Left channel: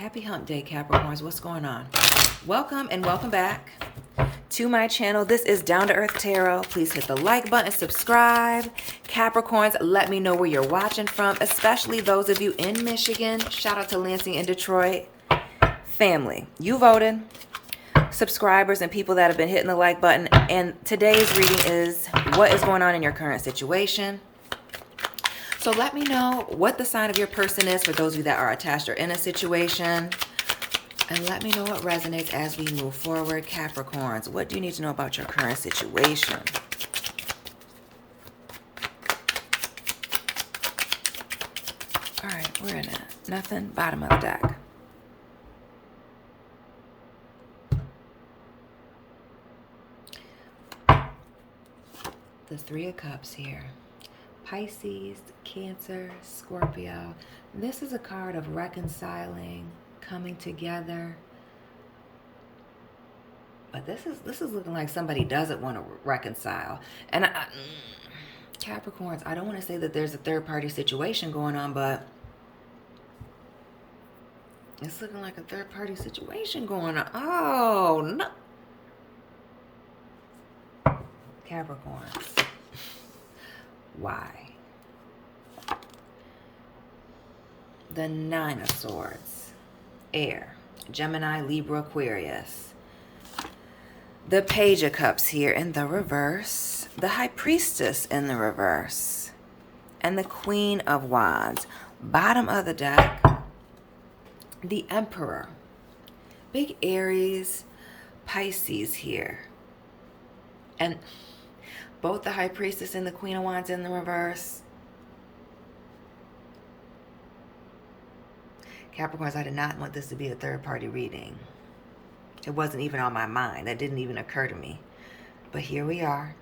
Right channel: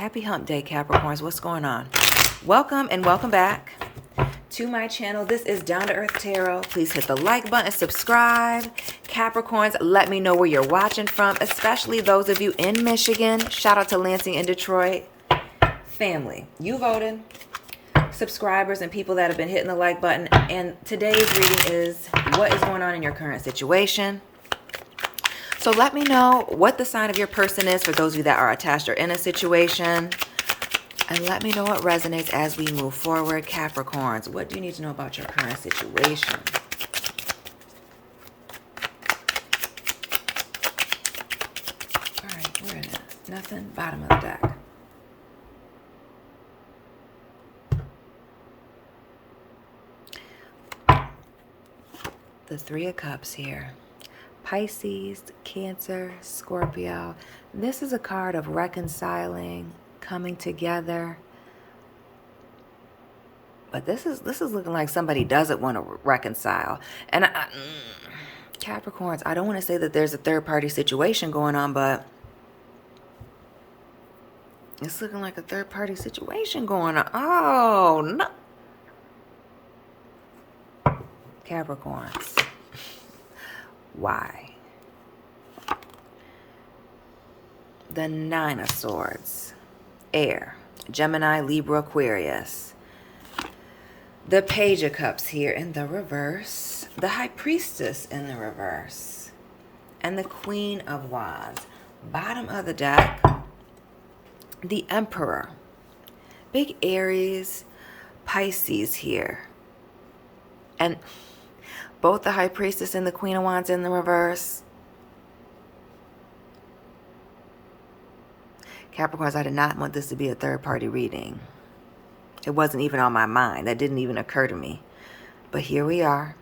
Happy hump day, Capricorns. What's going on? Welcome and welcome back to my channel. This is Down to Earth Tarot. Please hit the like button, subscribe. Capricorns, let me know where you're watching from, especially those of you in Michigan. Shout out to Lansing and Detroit. Family, you voted. Subscribers and people that have been hitting the like button. And today's reading is what is going on in your current situation. So let me know what the sign of your person is for those of you that are attached or in a situation. And let me know what resonates as we move forward. Capricorns, what do you need to know about your current situation? All right, we're in it. Nothing. Bottom of the deck. The Three of Cups here. Pisces, Cancer, Scorpio. This is a card of reconciling, coming together. But this is looking like somebody doesn't want to reconcile. And Capricorns, I don't want to say that there's a third-party situation going on, but it's looking like a third-party situation going on. Oh, no. Capricorns. Why? The Nine of Swords. Air. Gemini, Libra, Aquarius. The Page of Cups here in the reverse. The High Priestess in the reverse. And the Queen of Wands. Bottom of the deck. The Emperor. Big Aries, Pisces here. And both the High Priestess and the Queen of Wands in the reverse. Capricorns, I did not want this to be a third-party reading. It wasn't even on my mind. That didn't even occur to me. But here we are.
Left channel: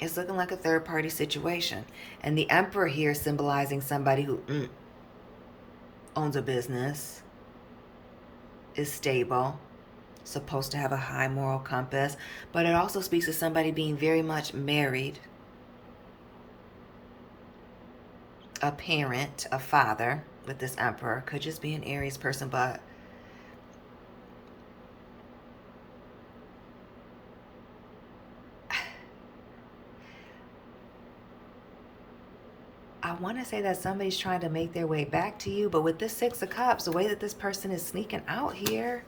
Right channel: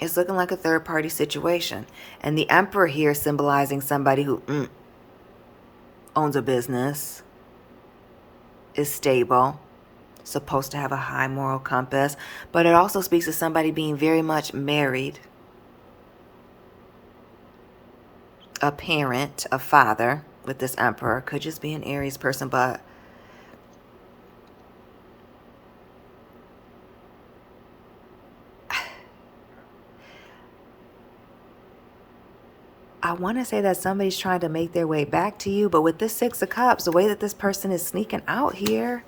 It's looking like a third-party situation. And the Emperor here symbolizing somebody who owns a business, is stable, supposed to have a high moral compass, but it also speaks to somebody being very much married, a parent, a father with this Emperor. Could just be an Aries person, but I want to say that somebody's trying to make their way back to you, but with this Six of Cups, the way that this person is sneaking out here,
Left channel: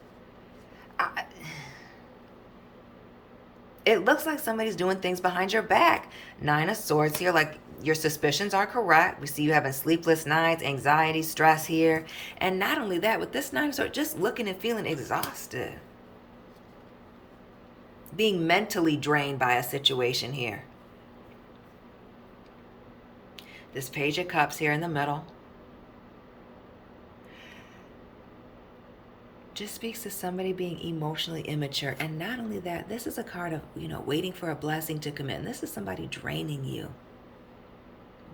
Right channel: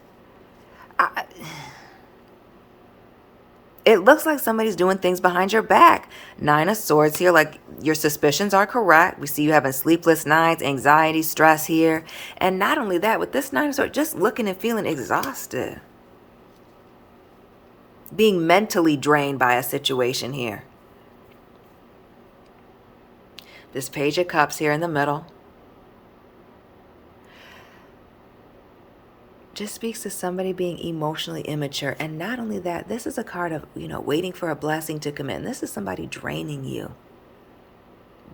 it looks like somebody's doing things behind your back. Nine of Swords here, like your suspicions are correct. We see you having sleepless nights, anxiety, stress here. And not only that, with this Nine of Swords, just looking and feeling exhausted. Being mentally drained by a situation here. This Page of Cups here in the middle just speaks to somebody being emotionally immature. And not only that, this is a card of, waiting for a blessing to come in. This is somebody draining you,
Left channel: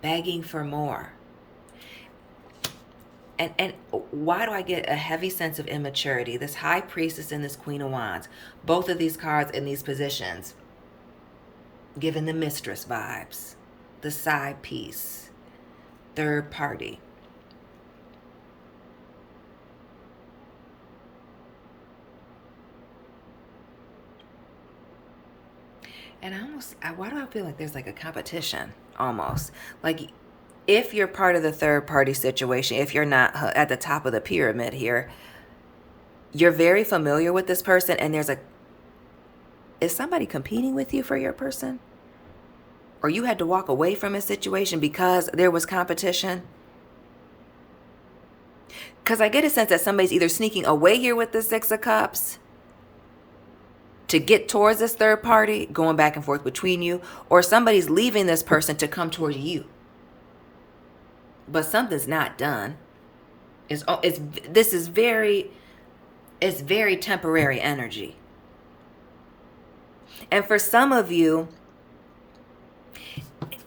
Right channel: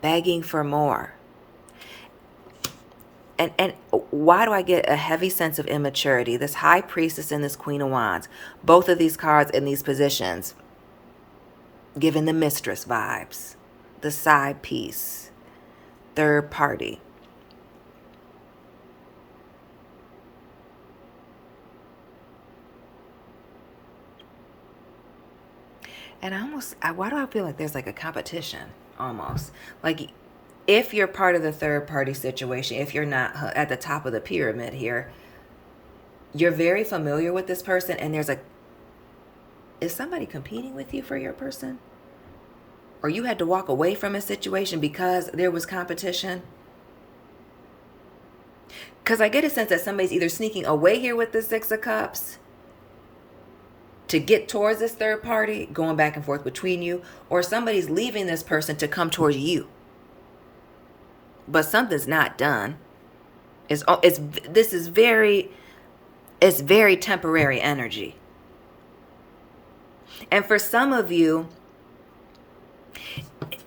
begging for more. And why do I get a heavy sense of immaturity? This High Priestess and this Queen of Wands, both of these cards in these positions, giving the mistress vibes, the side piece, third party. And why do I feel like there's like a competition almost? Like if you're part of the third party situation, if you're not at the top of the pyramid here, you're very familiar with this person and is somebody competing with you for your person? Or you had to walk away from a situation because there was competition? Because I get a sense that somebody's either sneaking away here with the Six of Cups to get towards this third party, going back and forth between you, or somebody's leaving this person to come towards you. But something's not done. It's very temporary energy. And for some of you,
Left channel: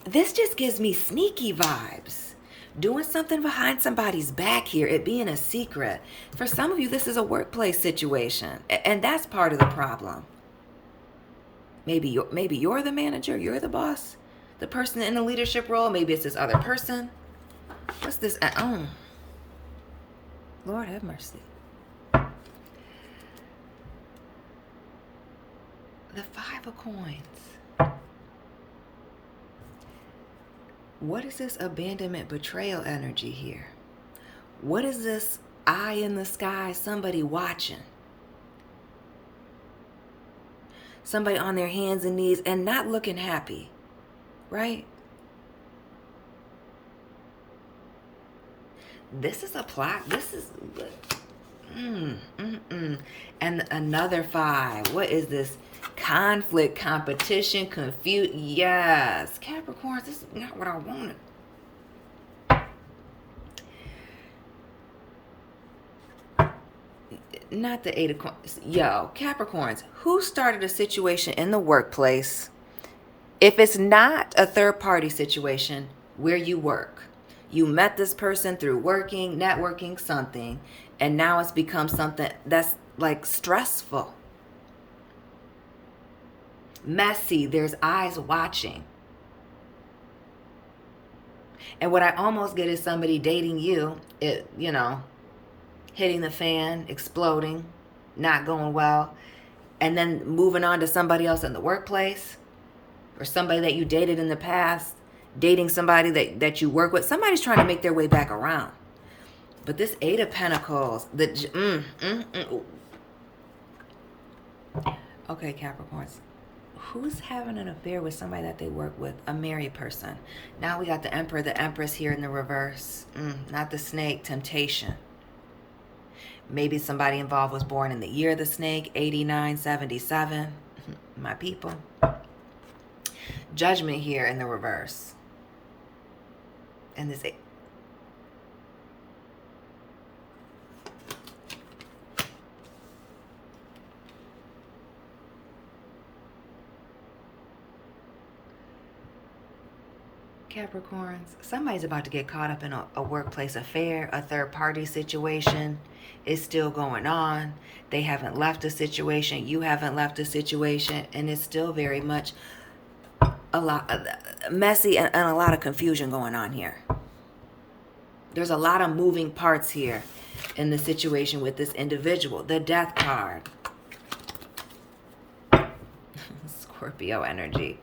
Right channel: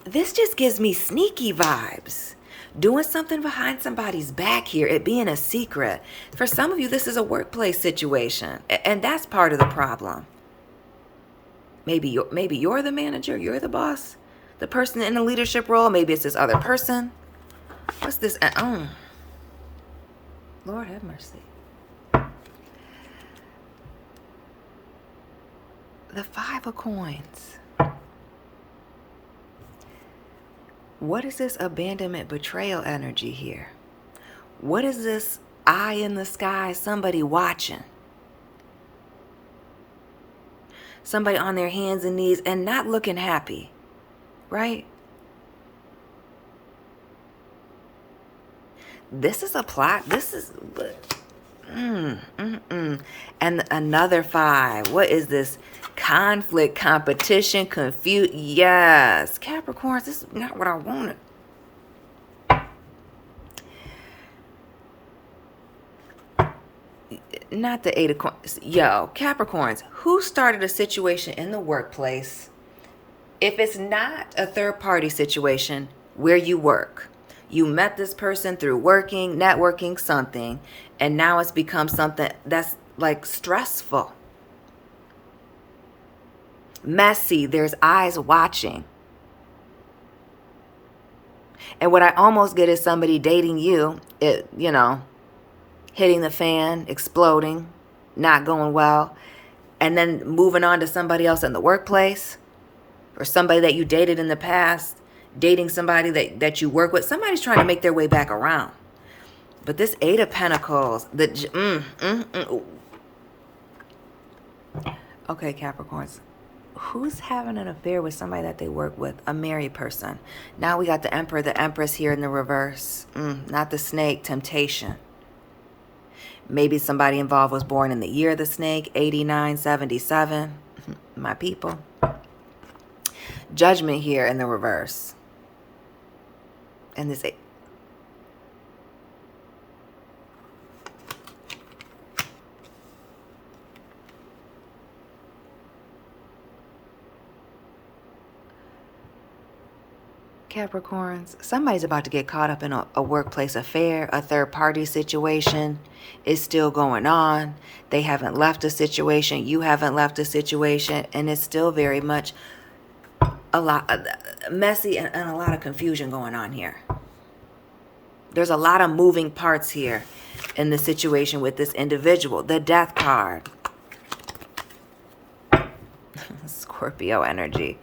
this just gives me sneaky vibes. Doing something behind somebody's back here, it being a secret. For some of you, this is a workplace situation, and that's part of the problem. Maybe you're the manager, you're the boss, the person in a leadership role. Maybe it's this other person. What's this? Lord have mercy. The Five of Coins. What is this abandonment, betrayal energy here? What is this eye in the sky, somebody watching? Somebody on their hands and knees and not looking happy, right? This is a plot. This is... And another 5. What is this? Conflict, competition, confusion. Yes. Capricorns, this is not what I wanted. Not the 8 of Coins. Yo, Capricorns, who started a situation in the workplace? If it's not a third-party situation where you work, you met this person through working, networking, something, and now it's become something that's like stressful, messy. There's eyes watching. And what I almost get is somebody dating you, hitting the fan, exploding, not going well, and then moving on to somebody else in the workplace, or somebody that you dated in the past, dating somebody that you work with. Somebody's trying to make their way back around. But this 8 of Pentacles, Okay, Capricorns. Who's having an affair with somebody that they work with? A married person. Now we got the Emperor, the Empress here in the reverse. Not the snake, temptation. Maybe somebody involved was born in the year of the snake, 8977. My people. Judgment here in the reverse. And this... Capricorns, somebody's about to get caught up in a workplace affair. A third-party situation is still going on. They haven't left a situation. You haven't left a situation. And it's still very much a lot messy and a lot of confusion going on here. There's a lot of moving parts here in the situation with this individual. The Death card. Scorpio energy.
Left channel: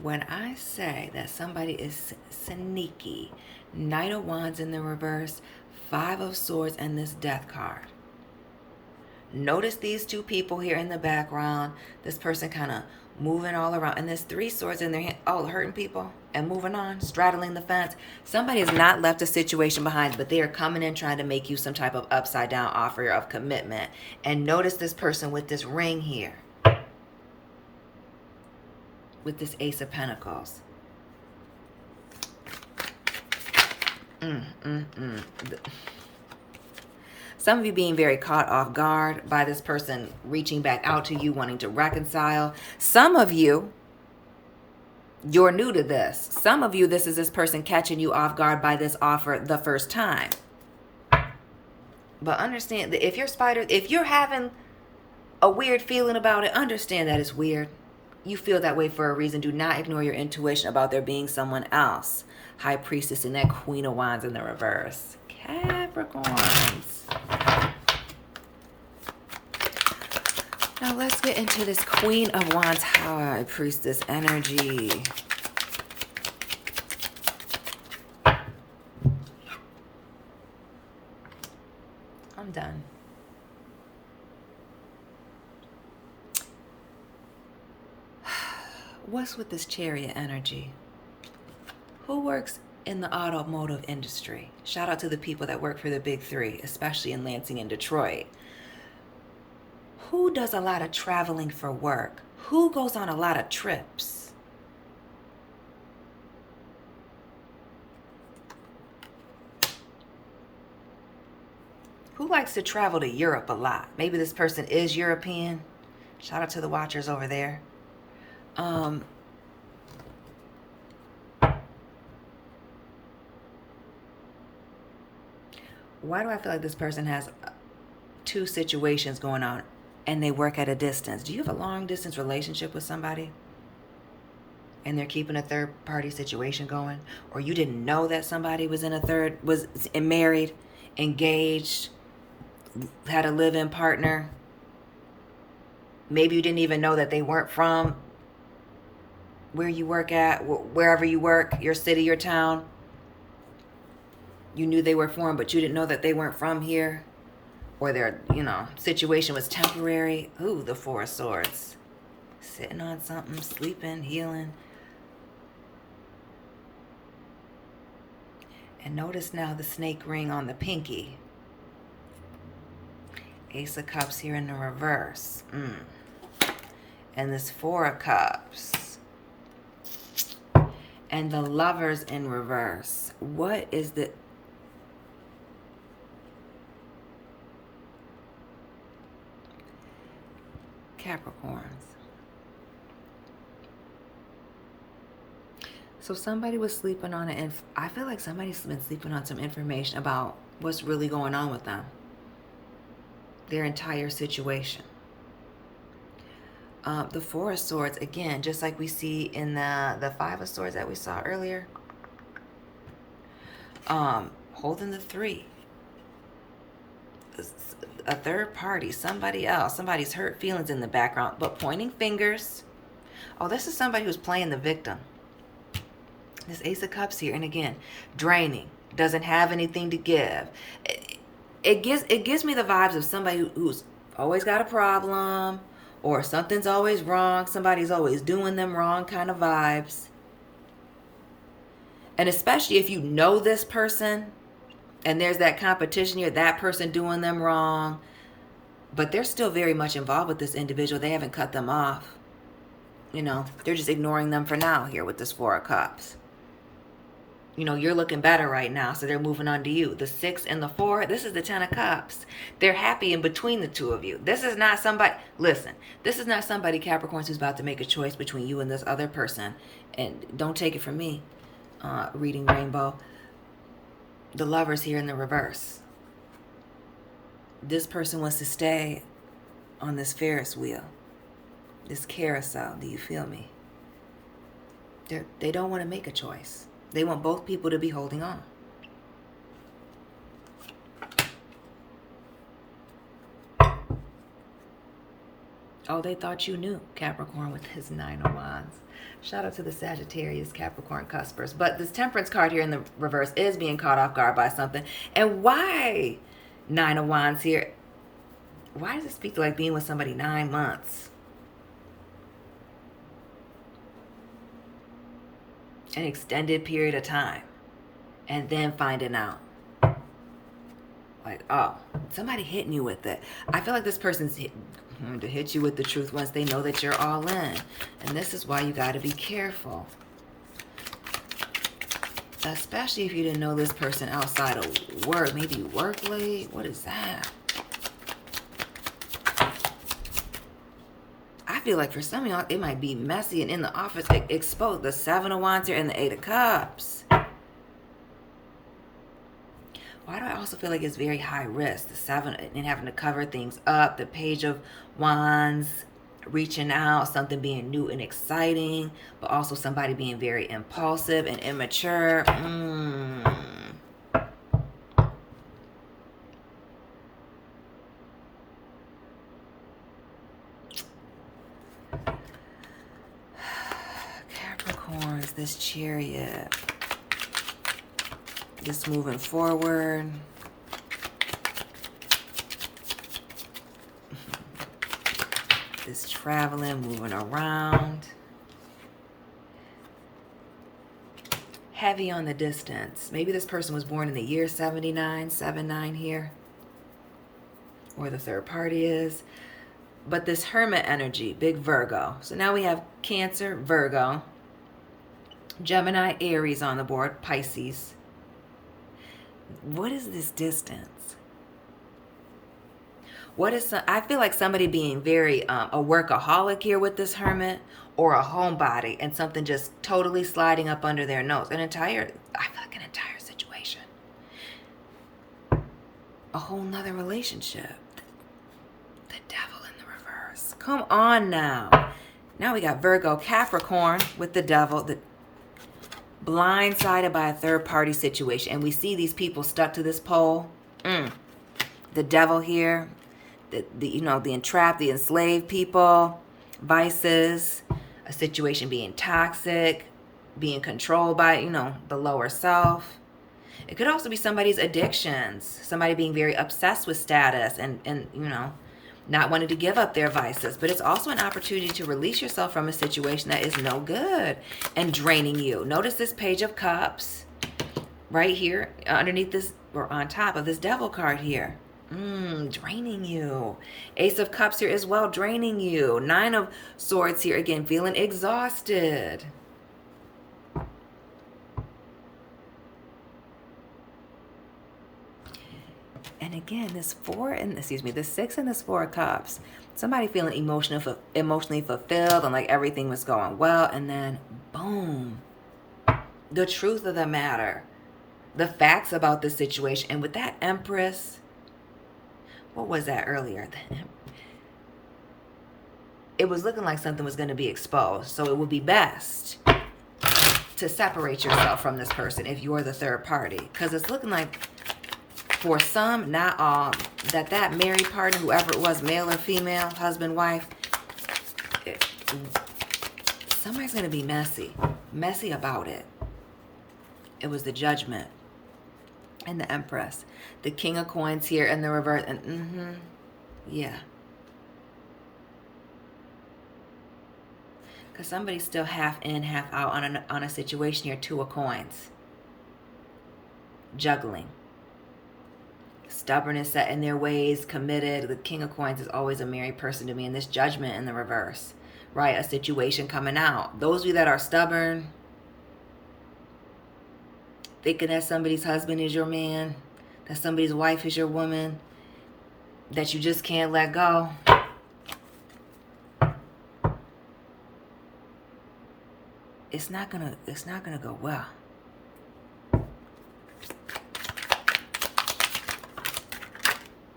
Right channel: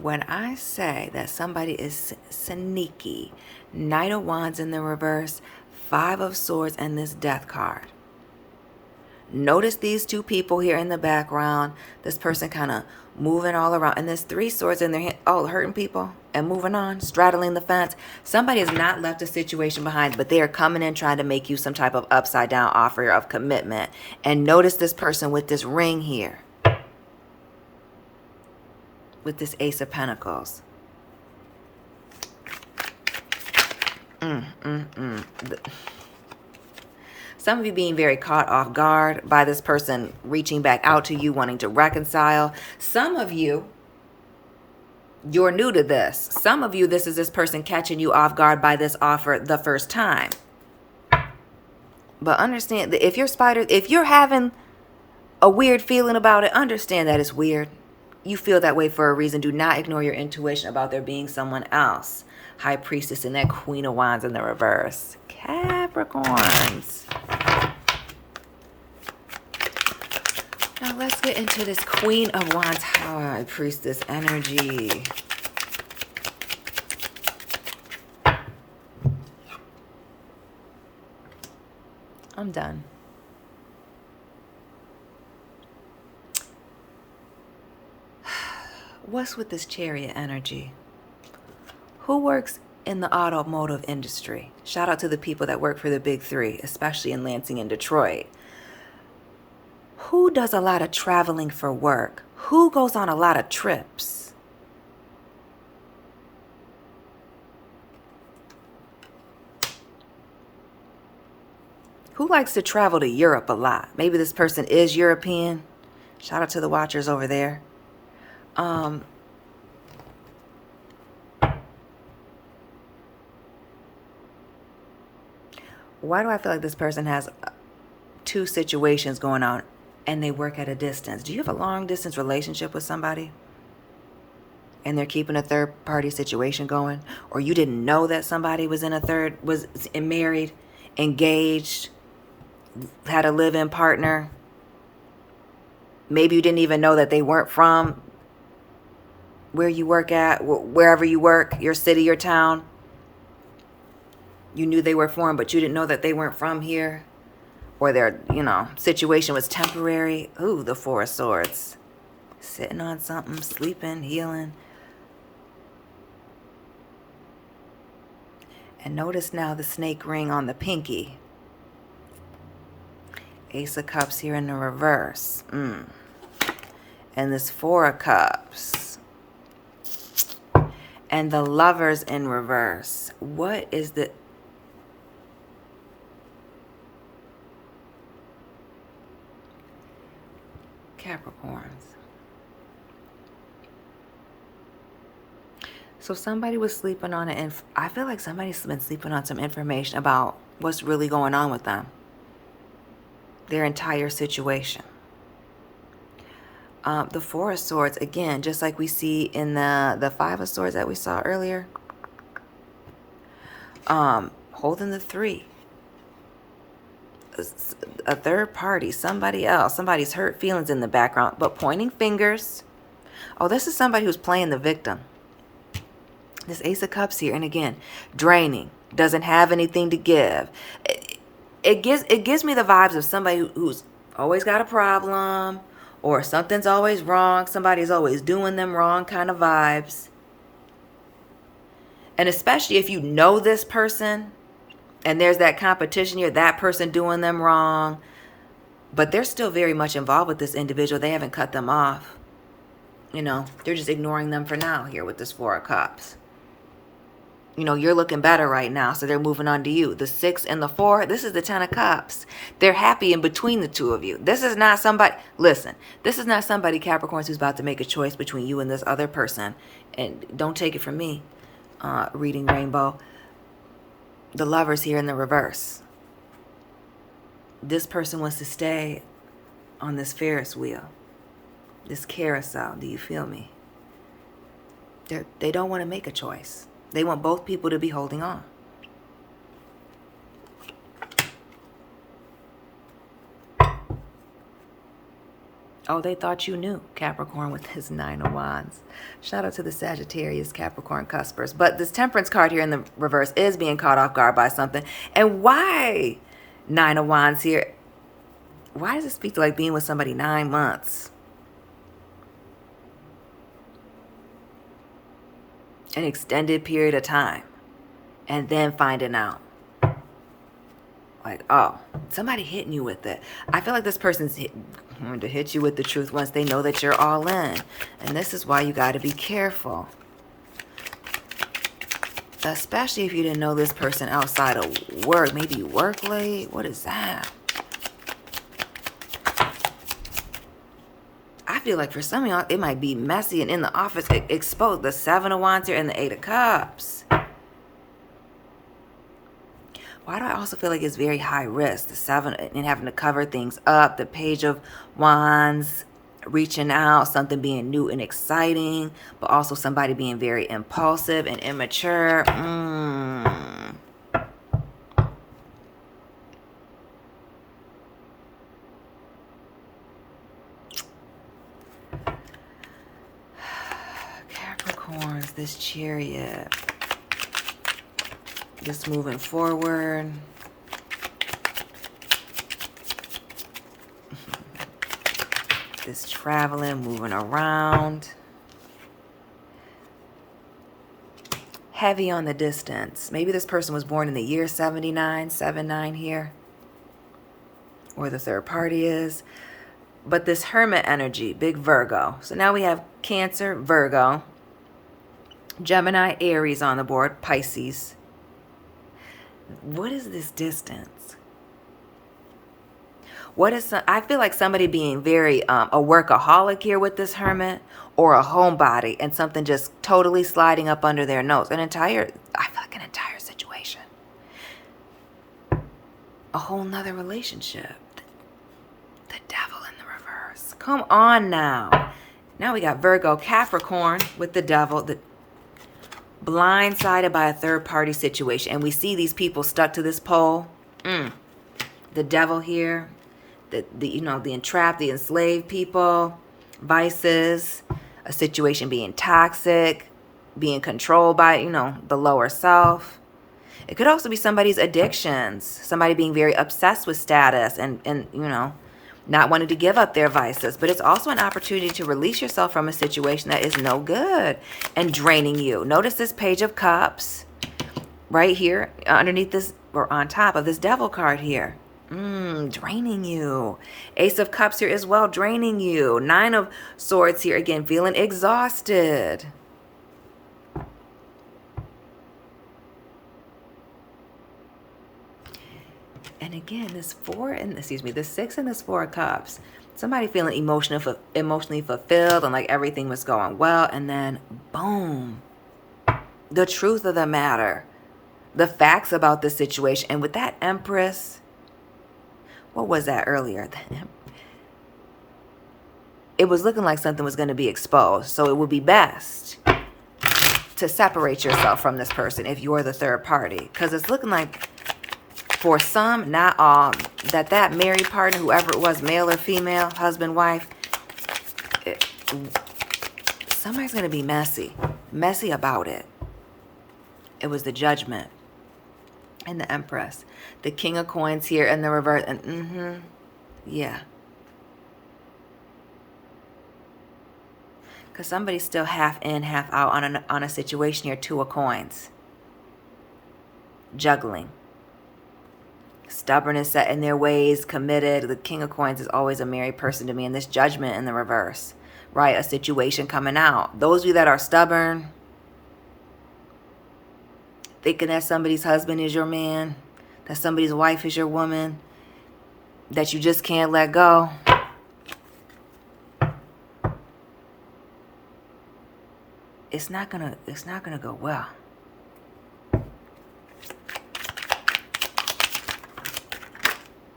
When I say that somebody is sneaky, Knight of Wands in the reverse, 5 of Swords, and this Death card. Notice these 2 people here in the background. This person kind of moving all around. And there's 3 swords in their hand. Oh, hurting people and moving on, straddling the fence. Somebody has not left a situation behind, but they are coming in trying to make you some type of upside down offer of commitment. And notice this person with this ring here. With this Ace of Pentacles. Some of you being very caught off guard by this person reaching back out to you, wanting to reconcile. Some of you, you're new to this. Some of you, this is this person catching you off guard by this offer the first time. But understand that if you're having a weird feeling about it, understand that it's weird. You feel that way for a reason. Do not ignore your intuition about there being someone else. High Priestess and that Queen of Wands in the reverse. Capricorns. Now let's get into this Queen of Wands, High Priestess energy. I'm done. What's with this Chariot energy? Who works in the automotive industry? Shout out to the people that work for the big 3, especially in Lansing and Detroit. Who does a lot of traveling for work? Who goes on a lot of trips? Who likes to travel to Europe a lot? Maybe this person is European. Shout out to the watchers over there. Why do I feel like this person has 2 situations going on and they work at a distance? Do you have a long distance relationship with somebody and they're keeping a third party situation going? Or you didn't know that somebody was in was married, engaged, had a live-in partner. Maybe you didn't even know that they weren't from where you work at, wherever you work, your city, your town. You knew they were foreign, but you didn't know that they weren't from here. Or their, situation was temporary. Ooh, the Four of Swords. Sitting on something, sleeping, healing. And notice now the snake ring on the pinky. Ace of Cups here in the reverse. And this Four of Cups. And the Lovers in reverse. What is the... Capricorns. So somebody was sleeping on it, and I feel like somebody's been sleeping on some information about what's really going on with them. Their entire situation. The Four of Swords, again, just like we see in the Five of Swords that we saw earlier. Holding the Three. A third party, somebody else, somebody's hurt feelings in the background, but pointing fingers. Oh, this is somebody who's playing the victim. This Ace of Cups here, and again, draining, doesn't have anything to give. It gives me the vibes of somebody who's always got a problem, or something's always wrong, somebody's always doing them wrong kind of vibes. And especially if you know this person, and there's that competition here, that person doing them wrong, but they're still very much involved with this individual. They haven't cut them off. They're just ignoring them for now here with this Four of Cups. You're looking better right now, so they're moving on to you. The 6 and the 4, this is the 10 of Cups. They're happy in between the two of you. This is not somebody, listen, this is not somebody, Capricorns, who's about to make a choice between you and this other person. And don't take it from me, reading Rainbow. The Lovers here in the reverse. This person wants to stay on this Ferris wheel, this carousel. Do you feel me? They don't want to make a choice. They want both people to be holding on. Oh, they thought you knew, Capricorn, with his 9 of Wands. Shout out to the Sagittarius, Capricorn cuspers. But this Temperance card here in the reverse is being caught off guard by something. And why 9 of Wands here? Why does it speak to like being with somebody 9 months? An extended period of time. And then finding out. Like, oh, somebody hitting you with it. I feel like this person's to hit you with the truth once they know that you're all in. And this is why you got to be careful. Especially if you didn't know this person outside of work. Maybe you work late. What is that? I feel like for some of y'all, it might be messy and in the office exposed. The 7 of Wands here and the 8 of Cups. Why do I also feel like it's very high risk? The 7 and having to cover things up. The Page of Wands, reaching out, something being new and exciting, but also somebody being very impulsive and immature. Capricorns, this Chariot. Just moving forward. This traveling, moving around. Heavy on the distance. Maybe this person was born in the year 79, 79 here. Or the third party is. But this Hermit energy, big Virgo. So now we have Cancer, Virgo. Gemini, Aries on the board, Pisces. What is this distance? What is I feel like somebody being very a workaholic here with this Hermit, or a homebody, and something just totally sliding up under their nose. I feel like an entire situation. A whole nother relationship. The Devil in the reverse. Come on now. Now we got Virgo, Capricorn with the Devil. The blindsided by a third party situation. And we see these people stuck to this pole. The devil here, the entrapped, the enslaved people, vices, a situation being toxic, being controlled by, the lower self. It could also be somebody's addictions, somebody being very obsessed with status and not wanting to give up their vices. But it's also an opportunity to release yourself from a situation that is no good and draining you. Notice this Page of Cups right here underneath this, or on top of this Devil card here. Draining you. Ace of Cups here as well, draining you. Nine of Swords here, again, feeling exhausted. And again, this 6 and this 4 of Cups. Somebody feeling emotionally fulfilled and like everything was going well. And then, boom, the truth of the matter. The facts about the situation. And with that Empress, what was that earlier? It was looking like something was going to be exposed. So it would be best to separate yourself from this person if you're the third party. Because it's looking like, for some, not all, that married partner, whoever it was, male or female, husband, wife, somebody's going to be messy about it. It was the Judgment and the Empress. The King of Coins here in the reverse. And yeah. Because somebody's still half in, half out on a situation here. 2 of Coins. Juggling. Stubbornness, set in their ways, committed. The King of Coins is always a married person to me. And this Judgment in the reverse, right? A situation coming out. Those of you that are stubborn, thinking that somebody's husband is your man, that somebody's wife is your woman, that you just can't let go. It's not gonna go well.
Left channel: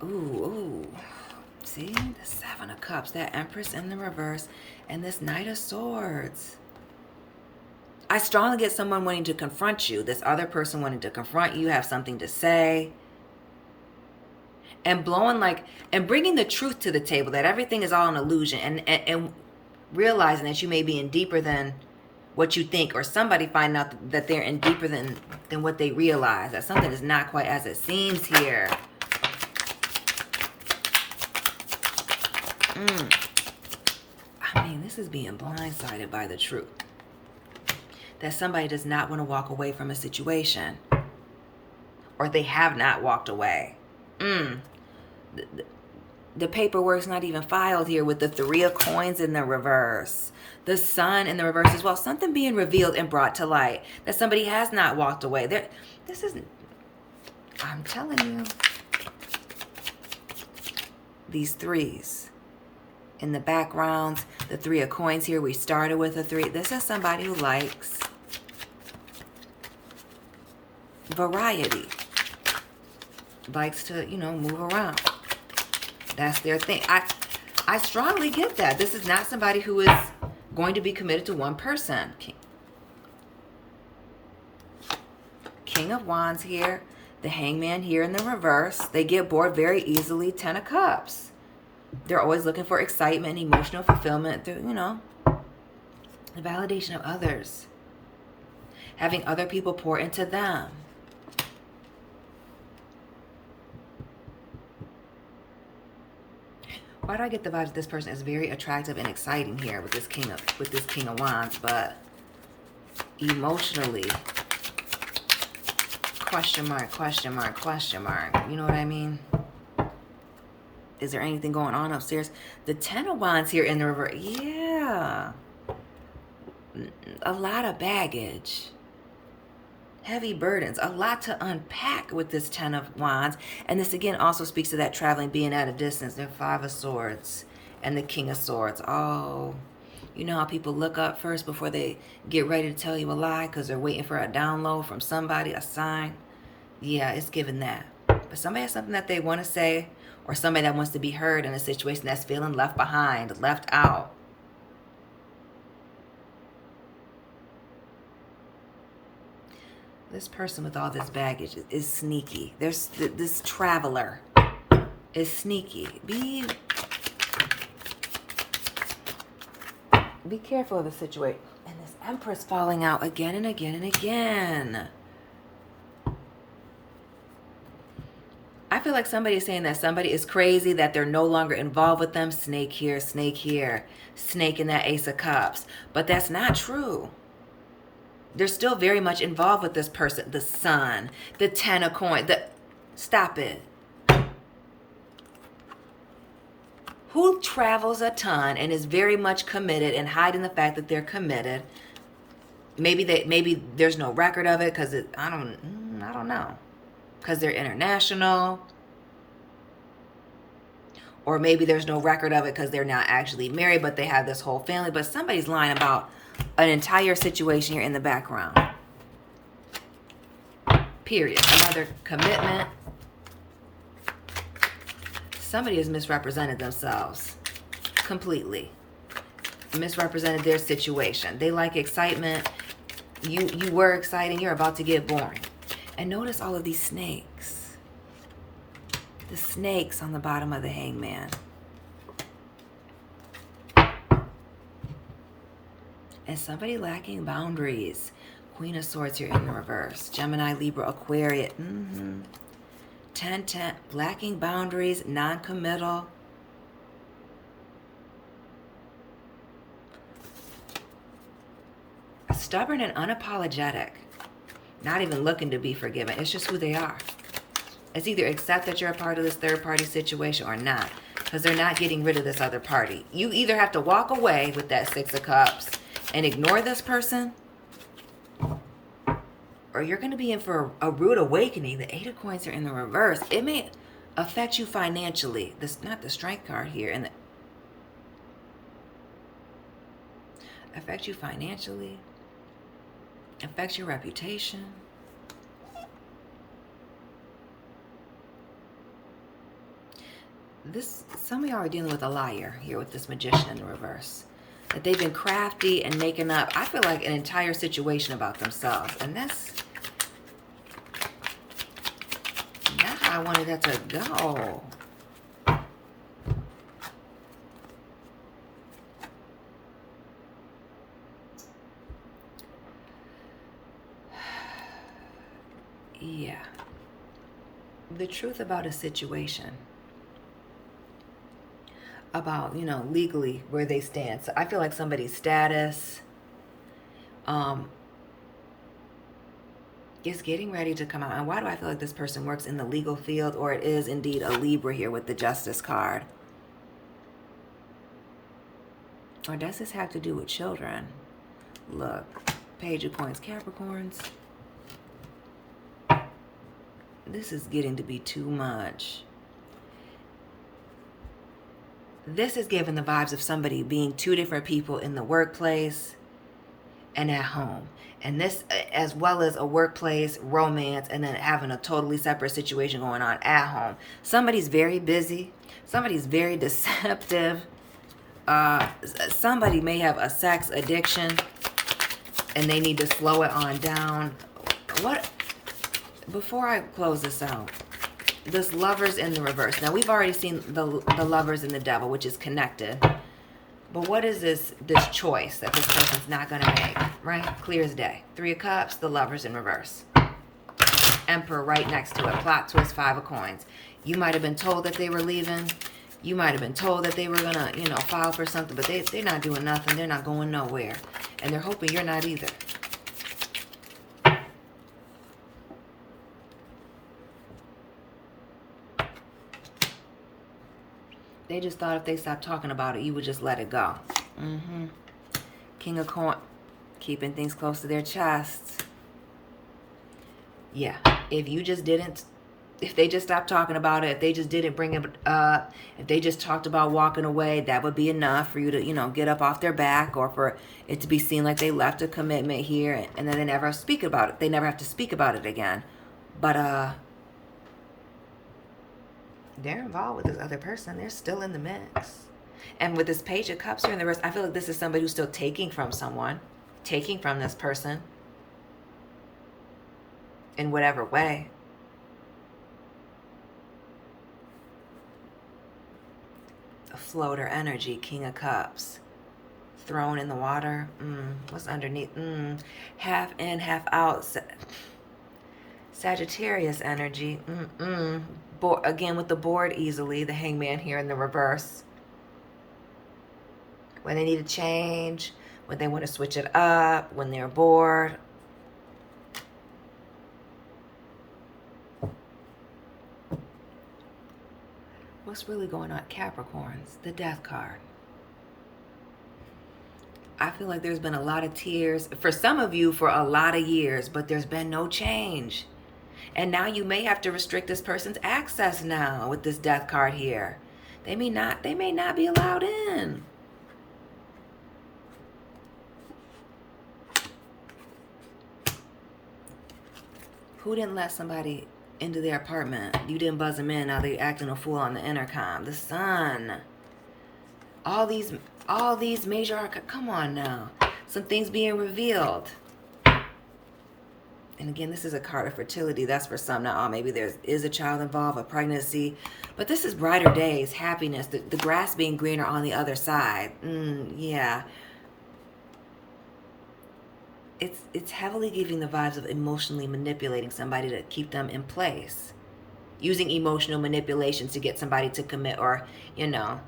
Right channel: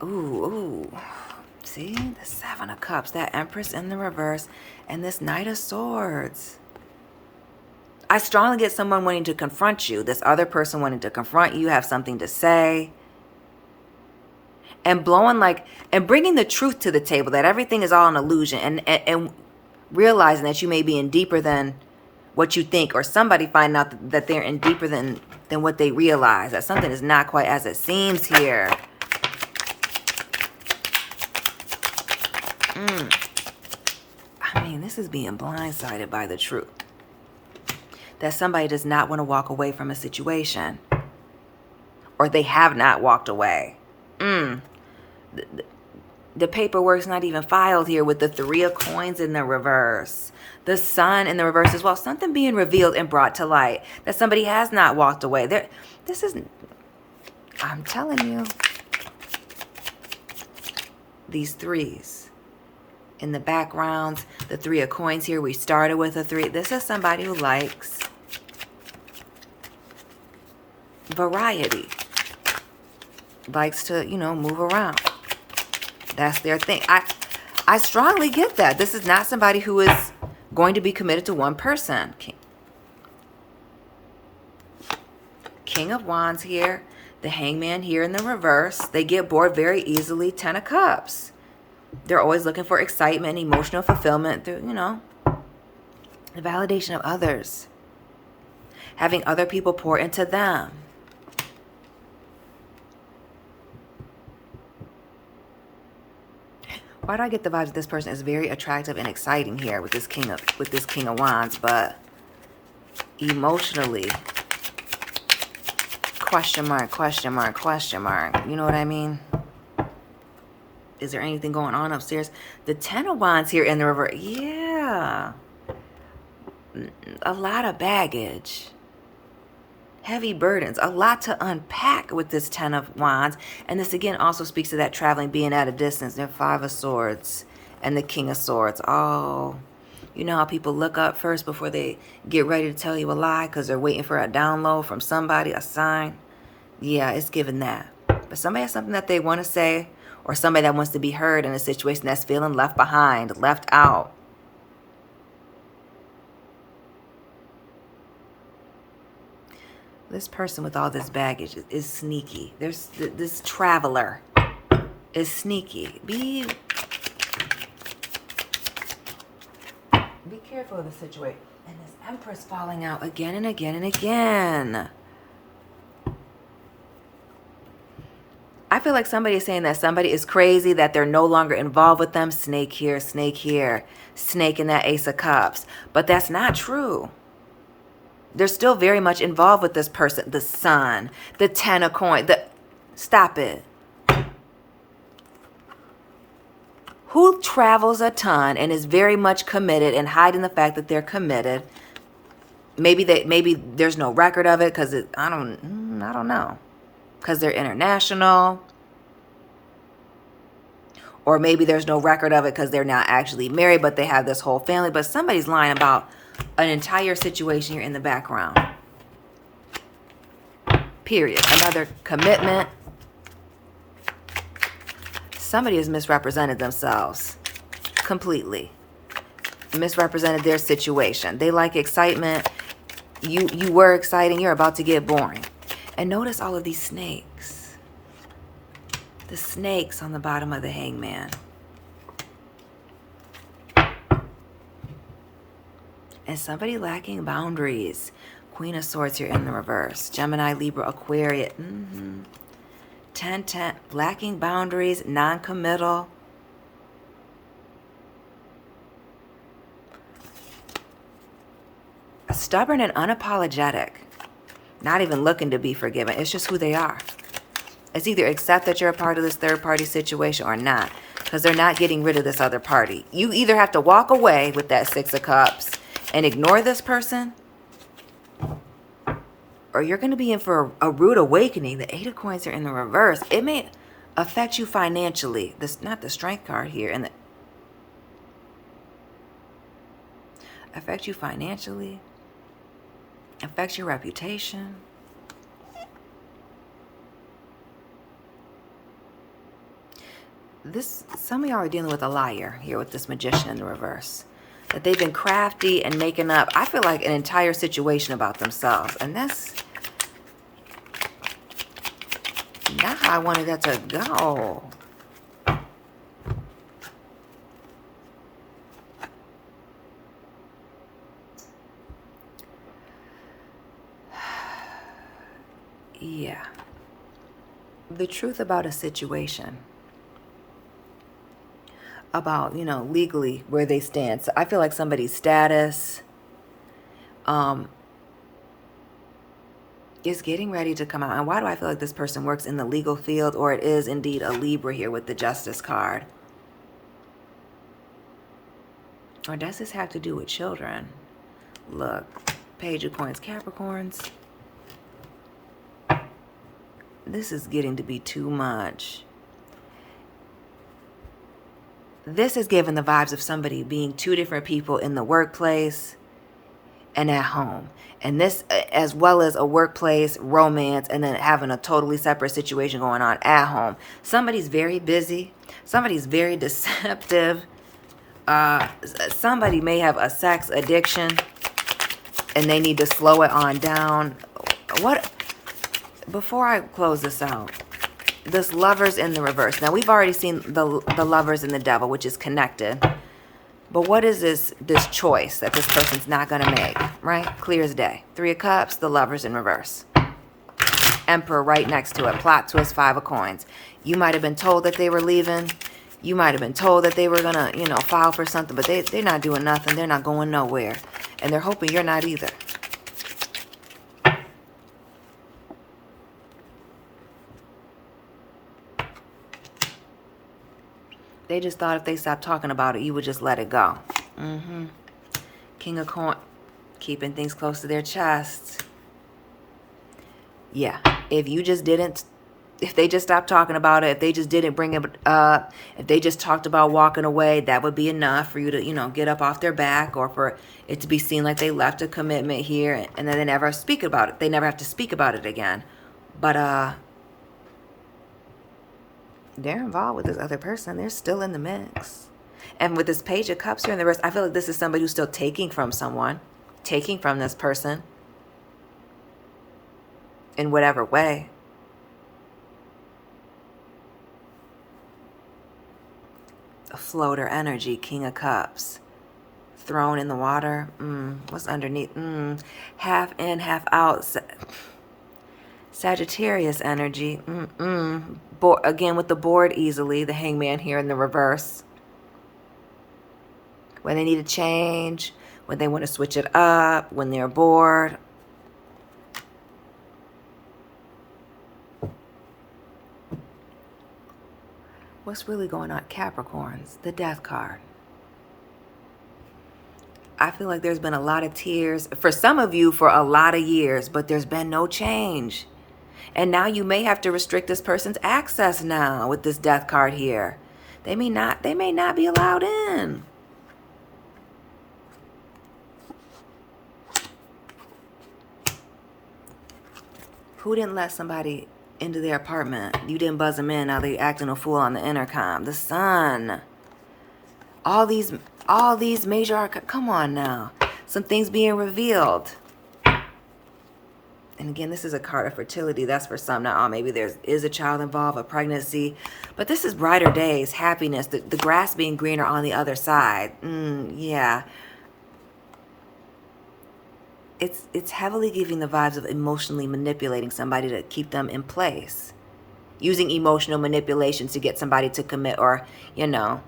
Ooh. See? The 7 of Cups. That Empress in the reverse. And this Knight of Swords. I strongly get someone wanting to confront you. This other person wanting to confront you. Have something to say. And and bringing the truth to the table. That everything is all an illusion. And realizing that you may be in deeper than what you think. Or somebody finding out that they're in deeper than what they realize. That something is not quite as it seems here. I mean, this is being blindsided by the truth. That somebody does not want to walk away from a situation. Or they have not walked away. The paperwork's not even filed here with the 3 of Coins in the reverse. The Sun in the reverse as well. Something being revealed and brought to light. That somebody has not walked away. I'm telling you. These 3s. In the background, the 3 of Coins here. We started with a 3. This is somebody who likes variety. Likes to, move around. That's their thing. I strongly get that. This is not somebody who is going to be committed to one person. King of Wands here. The Hangman here in the reverse. They get bored very easily. 10 of Cups. They're always looking for excitement, emotional fulfillment through, the validation of others. Having other people pour into them. Why do I get the vibe that this person is very attractive and exciting here with this King of Wands, but emotionally, question mark, question mark, question mark. You know what I mean? Is there anything going on upstairs? The 10 of Wands here in the reverse. Yeah. A lot of baggage. Heavy burdens. A lot to unpack with this 10 of Wands. And this again also speaks to that traveling, being at a distance. The 5 of Swords and the King of Swords. Oh, you know how people look up first before they get ready to tell you a lie because they're waiting for a download from somebody, a sign. Yeah, it's given that. But somebody has something that they want to say, or somebody that wants to be heard in a situation that's feeling left behind, left out. This person with all this baggage is sneaky. There's this traveler. is sneaky. Be careful of the situation. And this Empress falling out again and again and again. I feel like somebody is saying that somebody is crazy, that they're no longer involved with them. Snake here, snake in that Ace of Cups. But that's not true. They're still very much involved with this person. The Sun, the Ten of Coins. Stop it. Who travels a ton and is very much committed and hiding the fact that they're committed? Maybe there's no record of it because I don't know. Because they're international. Or maybe there's no record of it because they're not actually married, but they have this whole family. But somebody's lying about an entire situation here in the background. Period. Another commitment. Somebody has misrepresented themselves completely. Misrepresented their situation. They like excitement. You were exciting. You're about to get boring. And notice all of these snakes. The snakes on the bottom of the Hangman. And somebody lacking boundaries. Queen of Swords here in the reverse. Gemini, Libra, Aquarius. 10-10. Lacking boundaries. Non-committal. Stubborn and unapologetic. Not even looking to be forgiven. It's just who they are. It's either accept that you're a part of this third party situation or not. Because they're not getting rid of this other party. You either have to walk away with that Six of Cups and ignore this person, or you're going to be in for a rude awakening. The Eight of Coins are in the reverse. It may affect you financially. This not the Strength card here. And affect you financially. Affects your reputation. Some of y'all are dealing with a liar here with this Magician in the reverse. That they've been crafty and making up, I feel like, an entire situation about themselves. And that's not how I wanted that to go. Yeah. The truth about a situation. About, legally where they stand. So I feel like somebody's status is getting ready to come out. And why do I feel like this person works in the legal field, or it is indeed a Libra here with the Justice card? Or does this have to do with children? Look, Page of Coins, Capricorns. This is getting to be too much. This is giving the vibes of somebody being two different people in the workplace and at home. And this, as well as a workplace, romance, and then having a totally separate situation going on at home. Somebody's very busy. Somebody's very deceptive. Somebody may have a sex addiction and they need to slow it on down. Before I close this out, this Lovers in the reverse. Now, we've already seen the Lovers and the Devil, which is connected. But what is this choice that this person's not going to make, right? Clear as day. Three of Cups, the Lovers in reverse. Emperor right next to it. Plot twist, Five of Coins. You might have been told that they were leaving. You might have been told that they were going to, file for something. But they're not doing nothing. They're not going nowhere. And they're hoping you're not either. They just thought if they stopped talking about it, you would just let it go. King of Coins, keeping things close to their chests. Yeah, if they just stopped talking about it, if they just didn't bring it up, if they just talked about walking away, that would be enough for you to, get up off their back, or for it to be seen like they left a commitment here, and then they never speak about it. They never have to speak about it again. But, they're involved with this other person. They're still in the mix. And with this Page of Cups here in the reverse, I feel like this is somebody who's still taking from someone. Taking from this person. In whatever way. floater energy, King of Cups. Thrown in the water. What's underneath? Half in, half out. Sagittarius energy. Again, with the board easily. The Hangman here in the reverse. When they need a change. When they want to switch it up. When they're bored. What's really going on? Capricorns. The Death card. I feel like there's been a lot of tears. For some of you, for a lot of years. But there's been no change. And now you may have to restrict this person's access now with this Death card here. They may not be allowed in. Who didn't let somebody into their apartment? You didn't buzz them in. Now they're acting a fool on the intercom. The Sun. All these major come on now. Some things being revealed. And again, this is a card of fertility. That's for some. Now, maybe there is a child involved, a pregnancy. But this is brighter days, happiness, the grass being greener on the other side. Yeah. It's heavily giving the vibes of emotionally manipulating somebody to keep them in place. Using emotional manipulations to get somebody to commit or, you know.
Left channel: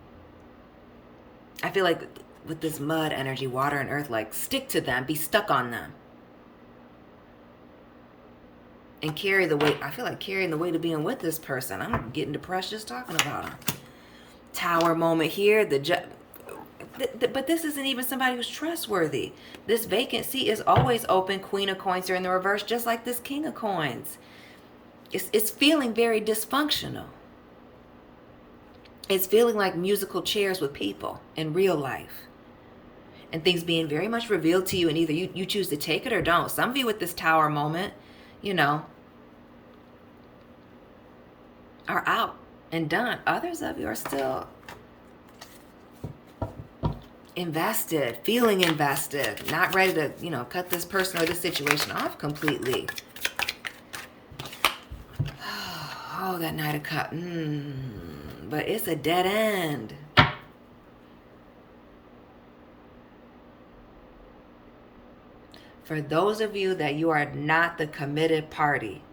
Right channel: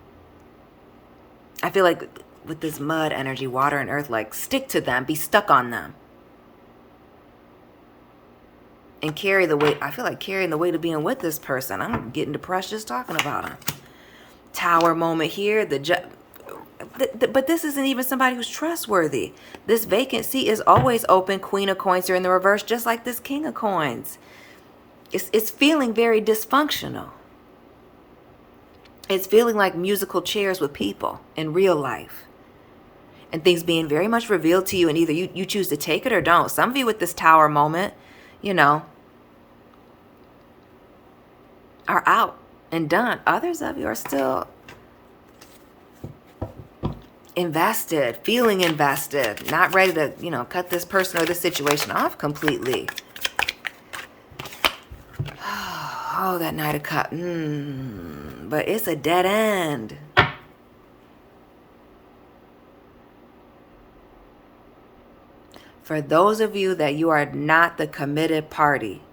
I feel like with this mud energy, water and earth, like stick to them, be stuck on them. And carry the weight. I feel like carrying the weight of being with this person. I'm getting depressed just talking about them. Tower moment here. But this isn't even somebody who's trustworthy. This vacant seat is always open. Queen of Coins here in the reverse, just like this King of Coins. It's feeling very dysfunctional. It's feeling like musical chairs with people in real life. And things being very much revealed to you, and either you choose to take it or don't. Some of you with this Tower moment, you know, are out and done. Others of you are still invested, feeling invested, not ready to, you know, cut this person or this situation off completely. Oh, that Knight of Cups. But it's a dead end. For those of you that you are not the committed party,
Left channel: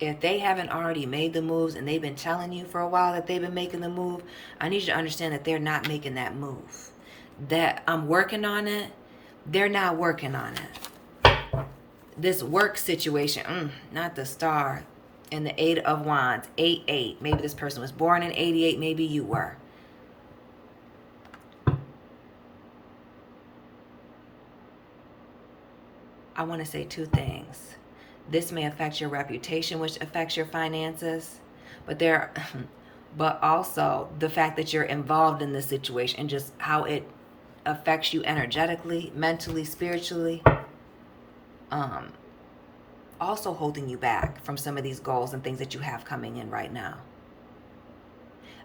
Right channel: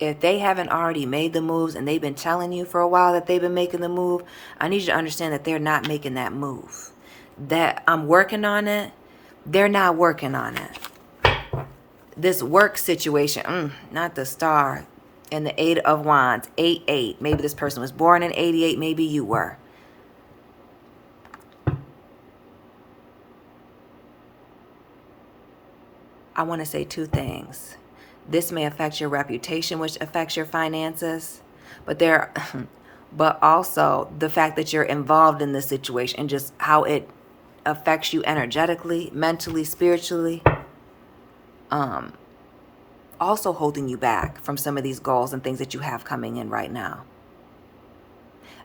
if they haven't already made the moves and they've been telling you for a while that they've been making the move, I need you to understand that they're not making that move. That I'm working on it, they're not working on it. This work situation, not the Star and the Eight of Wands, 88. Maybe this person was born in 88, maybe you were. I want to say two things. This may affect your reputation, which affects your finances, but also the fact that you're involved in this situation and just how it affects you energetically, mentally, spiritually. Also holding you back from some of these goals and things that you have coming in right now.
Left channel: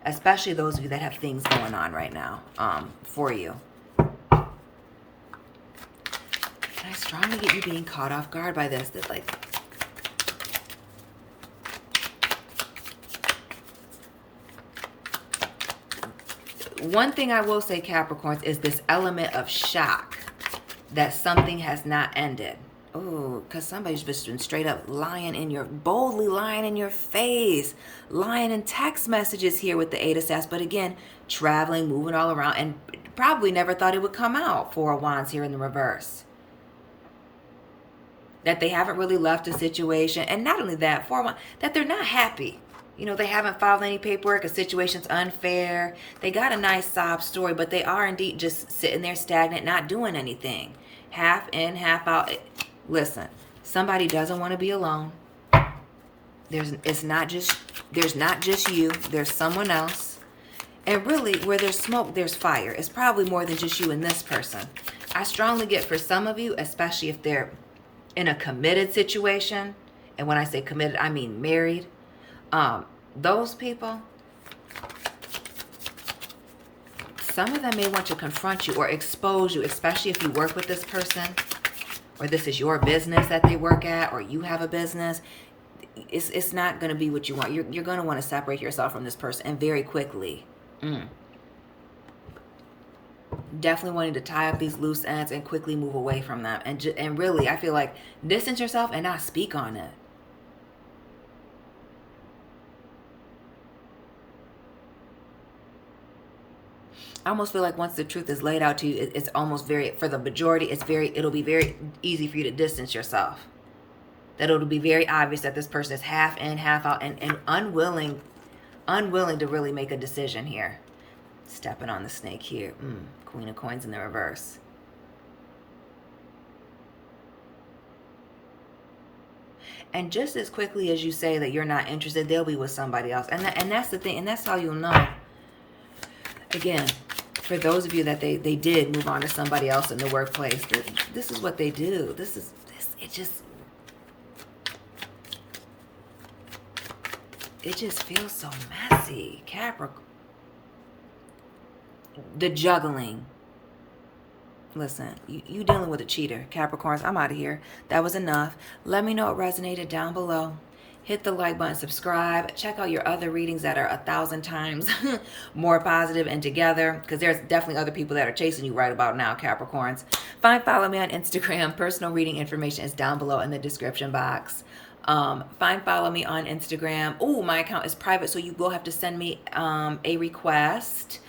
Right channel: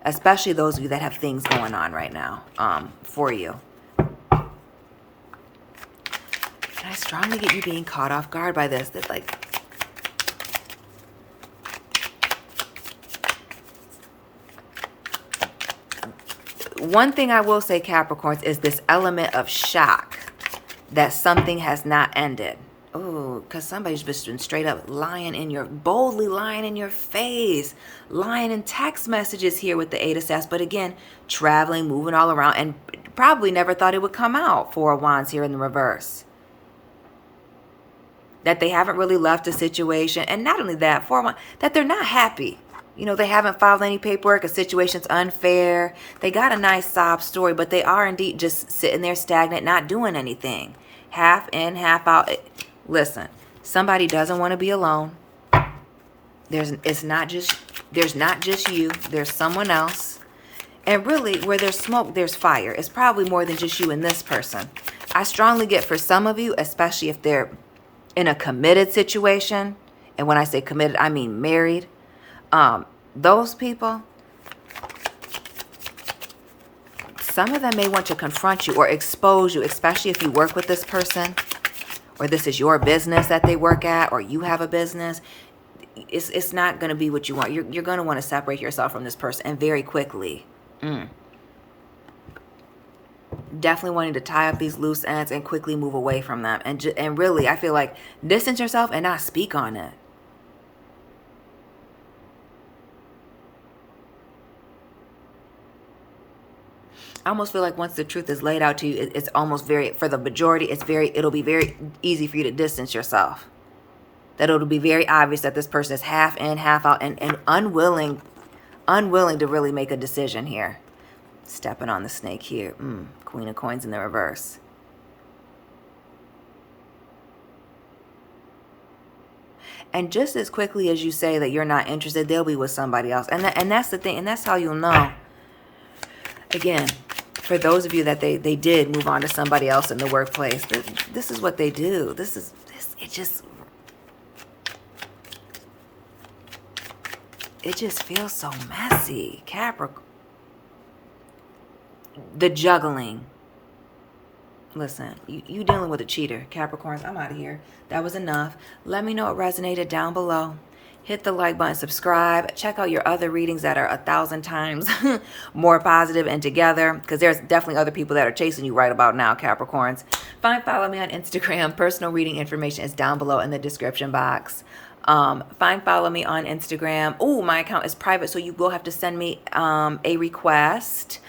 Especially those of you that have things going on right now for you. I strongly get you being caught off guard by this. That like, one thing I will say, Capricorns, is this element of shock that something has not ended. Oh, because somebody's just been straight up boldly lying in your face, lying in text messages here with the Eight of Swords. But again, traveling, moving all around, and probably never thought it would come out. Four of Wands here in the reverse. That they haven't really left a situation. And not only that, that they're not happy. You know, they haven't filed any paperwork. A situation's unfair. They got a nice sob story, but they are indeed just sitting there stagnant, not doing anything. Half in, half out. Listen, somebody doesn't want to be alone. There's not just you. There's someone else. And really, where there's smoke, there's fire. It's probably more than just you and this person. I strongly get for some of you, especially if they're in a committed situation, and when I say committed, I mean married, those people, some of them may want to confront you or expose you, especially if you work with this person, or this is your business that they work at, or you have a business. it's not going to be what you want. You're going to want to separate yourself from this person, and very quickly. Definitely wanting to tie up these loose ends and quickly move away from them. And really, I feel like distance yourself and not speak on it. I almost feel like once the truth is laid out to you, it's almost very, for the majority, it'll be very easy for you to distance yourself. That it'll be very obvious that this person is half in, half out, and unwilling to really make a decision here. Stepping on the snake here. Queen of Coins in the reverse. And just as quickly as you say that you're not interested, they'll be with somebody else. And that's the thing. And that's how you'll know. Again, for those of you that they did move on to somebody else in the workplace, this is what they do. It just feels so messy. Capricorn. The juggling. Listen, you dealing with a cheater. Capricorns, I'm out of here. That was enough. Let me know what resonated down below. Hit the like button, subscribe. Check out your other readings that are 1,000 times more positive and together, because there's definitely other people that are chasing you right about now, Capricorns. Follow me on Instagram. Personal reading information is down below in the description box. Follow me on Instagram. Oh, my account is private, so you will have to send me a request.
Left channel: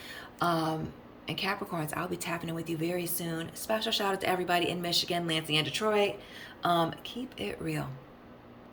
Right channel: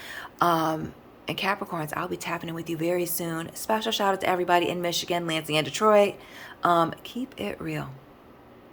And Capricorns, I'll be tapping in with you very soon. Special shout out to everybody in Michigan, Lansing, and Detroit. Keep it real.